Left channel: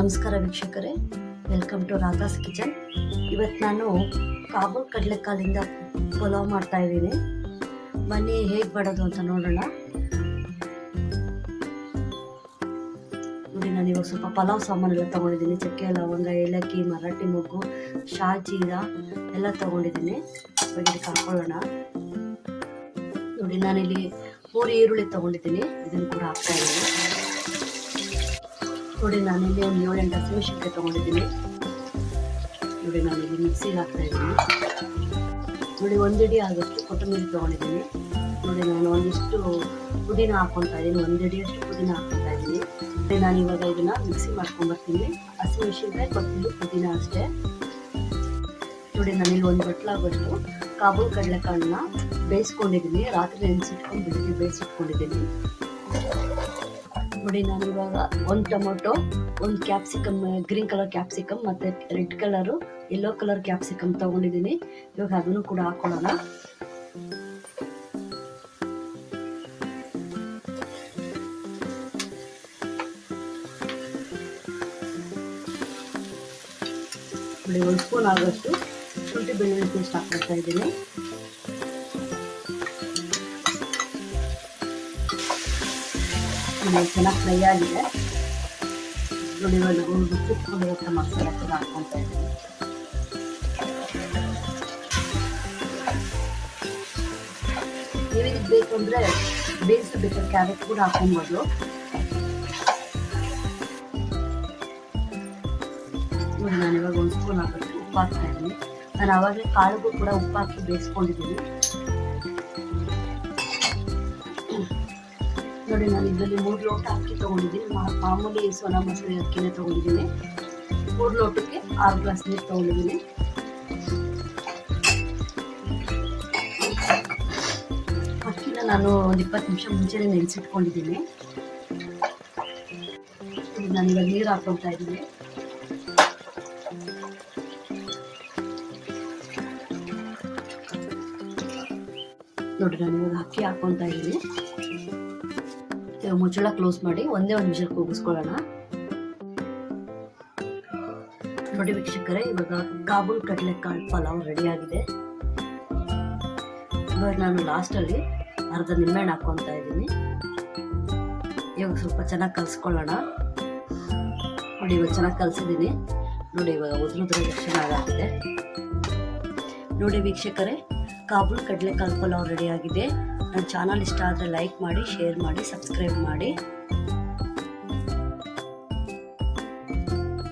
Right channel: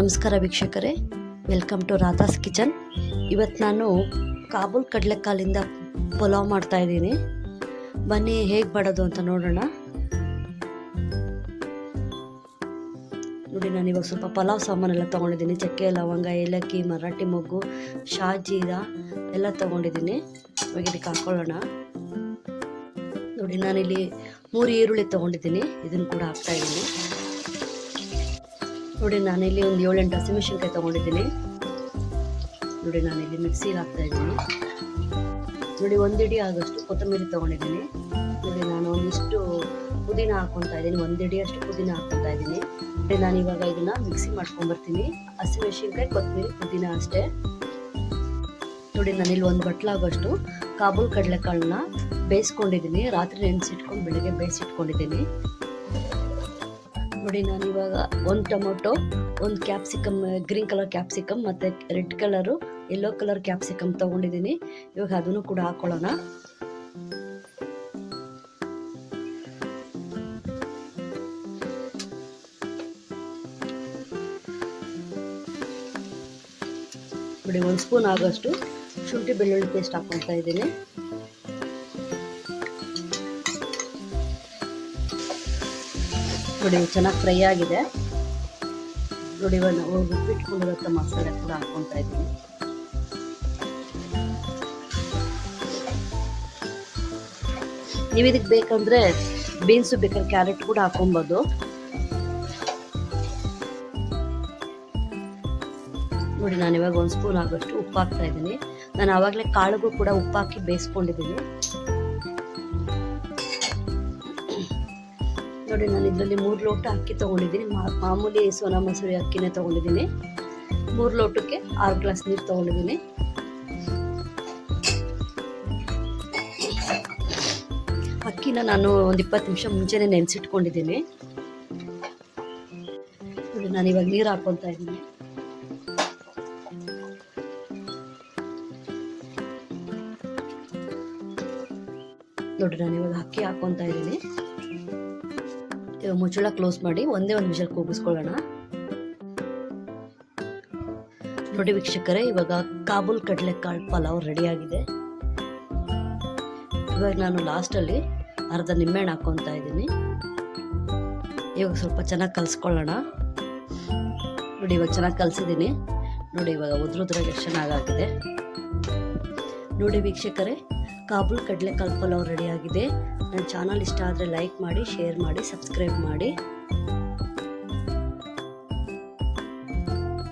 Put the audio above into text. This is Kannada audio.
ನಮಸ್ಕಾರ ವೀಕ್ಷಕರೇ, ವೆಲ್ಕಮ್ ಟು ರಾಧಾಸ್ ಕಿಚನ್. ಇವತ್ತು ನಾನು ಕಾಬೂಲ್ ಕಡಲೆಕಾಳಿಂದ ಪಲಾವ್ ಮಾಡ್ತಾ ಇದ್ದೀನಿ. ಬನ್ನಿ ಹೇಗೆ ಮಾಡೋದು ಅಂತ ನೋಡೋಣ. ನೋಡಿ, ನಾನು ಇವಾಗ ಸ್ವಲ್ಪ ಪಲಾವ್ ಸಾಮಾನೆಲ್ಲ ತೊಗೊಂಡಿದ್ದೀನಿ. ಚಕ್ಕೆ, ಲವಂಗ, ಏಲಕ್ಕಿ, ಮರಾಠಿ ಮೊಗ್ಗು, ಶಾಜೀರಾ ಎಲ್ಲ ತೊಗೊಂಡಿದ್ದೀನಿ. ಇವಾಗ ಇದಕ್ಕೆ ಹಾಕೊಳ್ಳೋಣ. ನೋಡಿ, ನಾನಿಲ್ಲಿ 3 ಈರುಳ್ಳಿ ತೊಗೊಂಡಿದ್ದೀನಿ. ಇದನ್ನು ಕೂಡ ಹಾಕ್ತಾ ಇದ್ದೀನಿ. ನೋಡಿ, ನಾನಿಲ್ಲಿ ಒಂದು 7-8 ಹಸಿಮೆಣಸಿನ್ಕಾಯಿ ತೊಗೊಂಡಿದ್ದೀನಿ. ನೋಡಿ, ನಾನಿಲ್ಲಿ ಮಿಕ್ಸಿಗೆ ಹಾಕ್ತಾ ಇದ್ದೀನಿ. ನೋಡಿ, 1 ಇಡಿ ಆಗೋಷ್ಟು ಕೊತ್ತಂಬರಿ ತೊಗೊಂಡಿದ್ದೀನಿ. ನೋಡಿ, ನಾನು ಒಂದಿಷ್ಟು ಪುದೀನ ಹಾಕ್ಕೊತಾ ಇದ್ದೀನಿ. 1 ಇಡಿ ಅಷ್ಟು ಪುದೀನ ಹಾಕ್ಕೊತಾ ಇದ್ದೀನಿ. ನಾನು ಇವಾಗ ಇದನ್ನು ಮಿಕ್ಸಿ ಮಾಡ್ಕೊಂಡ್ಬರ್ತೀನಿ. ಹಸಿಮೆಣಸಿನ್ಕಾಯಿ, ಕೊತ್ತಂಬರಿ, ಪುದೀನ ಅಷ್ಟೇ. ನೋಡಿ, ನಾನಿಲ್ಲಿ 1 ಬಟ್ಲಾಗೋಷ್ಟು ಕಾಬೂಲ್ ಕಡಲೆಕಾಳನ್ನ ಬೇಯಿಸ್ಕೊಂಡಿದ್ದೀನಿ. ರಾತ್ರಿ ನೆನೆಸಿಟ್ಕೊಂಡು ಬೆಳಿಗ್ಗೆ ಬೇಯಿಸಿಟ್ಕೊಂಡಿದ್ದೀನಿ. ನೋಡಿ, ನಾನು ಇವಾಗ 1 tomato, 1 capsicum, green colour capsicum ಮತ್ತು red colour, yellow colour capsicum ತೊಗೊಂಡಿದ್ದೀನಿ. ಇವಾಗ ಅದನ್ನು ಕೂಡ ಹಾಕೊಳ್ಳೋಣ. ನೋಡಿ, 1 ಸ್ಪೂನ್ ಆಗೋಷ್ಟು ಶುಂಠಿ ಬೆಳ್ಳುಳ್ಳಿ ಪೇಸ್ಟ್ ಹಾಕ್ಕೊಳ್ತಾ ಇದ್ದೀನಿ. ನೋಡಿ, ಚೆನ್ನಾಗಿ ಫ್ರೈ ಆಗಿದೆ. ನೋಡಿ, ಇವಾಗ ನಾವು ರುಬ್ಬಿಟ್ಕೊಂಡಿರೋ ಮಸಾಲೆ ಕೂಡ ಹಾಕ್ಕೊತಾ ಇದ್ದೀನಿ. ನೀವು ಇದಕ್ಕೆ ಬೇಕಂದ್ರೆ ಬೀನ್ಸು ಬೇಕಾದ್ರೆ ಕ್ಯಾರೆಟ್ ಕೂಡ ಹಾಕೊಬೋದು. ನೋಡಿ, ನಾನು ಇವಾಗ 1 ಸ್ಪೂನ್ ಆಗೋಷ್ಟು ಉಪ್ಪು ಹಾಕ್ತಾ ಇದ್ದೀನಿ. ನಾನು ಆವಾಗಲೇ ಕಾಳಿಗೂ ಕೂಡ ಉಪ್ಪು ಹಾಕಿ ಬೇಯಿಸ್ಕೊಂಡಿದ್ದೀನಿ. ನೋಡಿ, ನಾನು ಇದರಲ್ಲಿ 3 ಲೋಟ ಅಕ್ಕಿ ತೊಗೊಂಡಿದ್ದೀನಿ. ಮಾಮೂಲಿ ಸೋನಾ ಮಸೂರಿ ಅಕ್ಕಿನೇ ತೊಗೊಂಡಿದ್ದೀನಿ. 3 ಲೋಟಕ್ಕೆ 6 ಗ್ಲಾಸ್ ನೀರು ತೊಗೊಂಡಿದ್ದೀನಿ. ಅಕ್ಕಿನ ನಾನು ಒಂದು 20 ನಿಮಿಷ ಮುಂಚೆನೇ ನೆನೆಸಿಟ್ಕೊಂಡಿದ್ದೀನಿ. ನಾನು ಇವಾಗ ನೀರು ಹಾಕ್ಕೊತಾ ಇದ್ದೀನಿ. ನೋಡಿ, ನಾನು ಇವಾಗ ಅಕ್ಕಿ ಹಾಕ್ಕೊತಾ ಇದ್ದೀನಿ. ಮುಚ್ಚಳ ಕ್ಲೋಸ್ ಮಾಡಿ ಒಂದೇ ಒಂದು ವಿಷಲ್ ಕೂಗಿಸ್ಕೊಳ್ಳೋಣ. ನೋಡಿ ವೀಕ್ಷಕರೇ, ಇವಾಗ ಕಾಬೂಲ್ ಕಡಲೆಕಾಳು ಪಲಾವ್ ರೆಡಿಯಾಗಿದೆ. ಇವಾಗ ನಾನು ಲಾಸ್ಟಲ್ಲಿ ಅರ್ಧ ನಿಂಬೆಹಣ್ಣು ಹಾಕ್ಕೊತಾ ಇದ್ದೀನಿ. ಇವಾಗ ಸ್ವಲ್ಪ ಚೆನ್ನಾಗಿ ಕಲಿಸ್ಕೊಳ್ಳೋಣ. ನೋಡಿ, ಇವಾಗ ಚೆನ್ನಾಗಿ ಕಲಿಸಿದ್ದೀನಿ. ನೋಡಿ, ಇವಾಗ ಉದ್ರುದ್ರಾಗ ಚೆನ್ನಾಗಾಗಿದೆ. ನೋಡಿ ವೀಕ್ಷಕರೇ, ಕಾಬೂಲ್ ಕಡಲೆಕಾಳು ಪಲಾವ್ ರೆಡಿಯಾಗಿದೆ. ನನ್ನ ಚಾನಲ್ ಇಷ್ಟ ಆದರೆ ಲೈಕ್ ಮಾಡಿ, ಶೇರ್ ಮಾಡಿ, ಸಬ್ಸ್ಕ್ರೈಬ್ ಮಾಡಿ.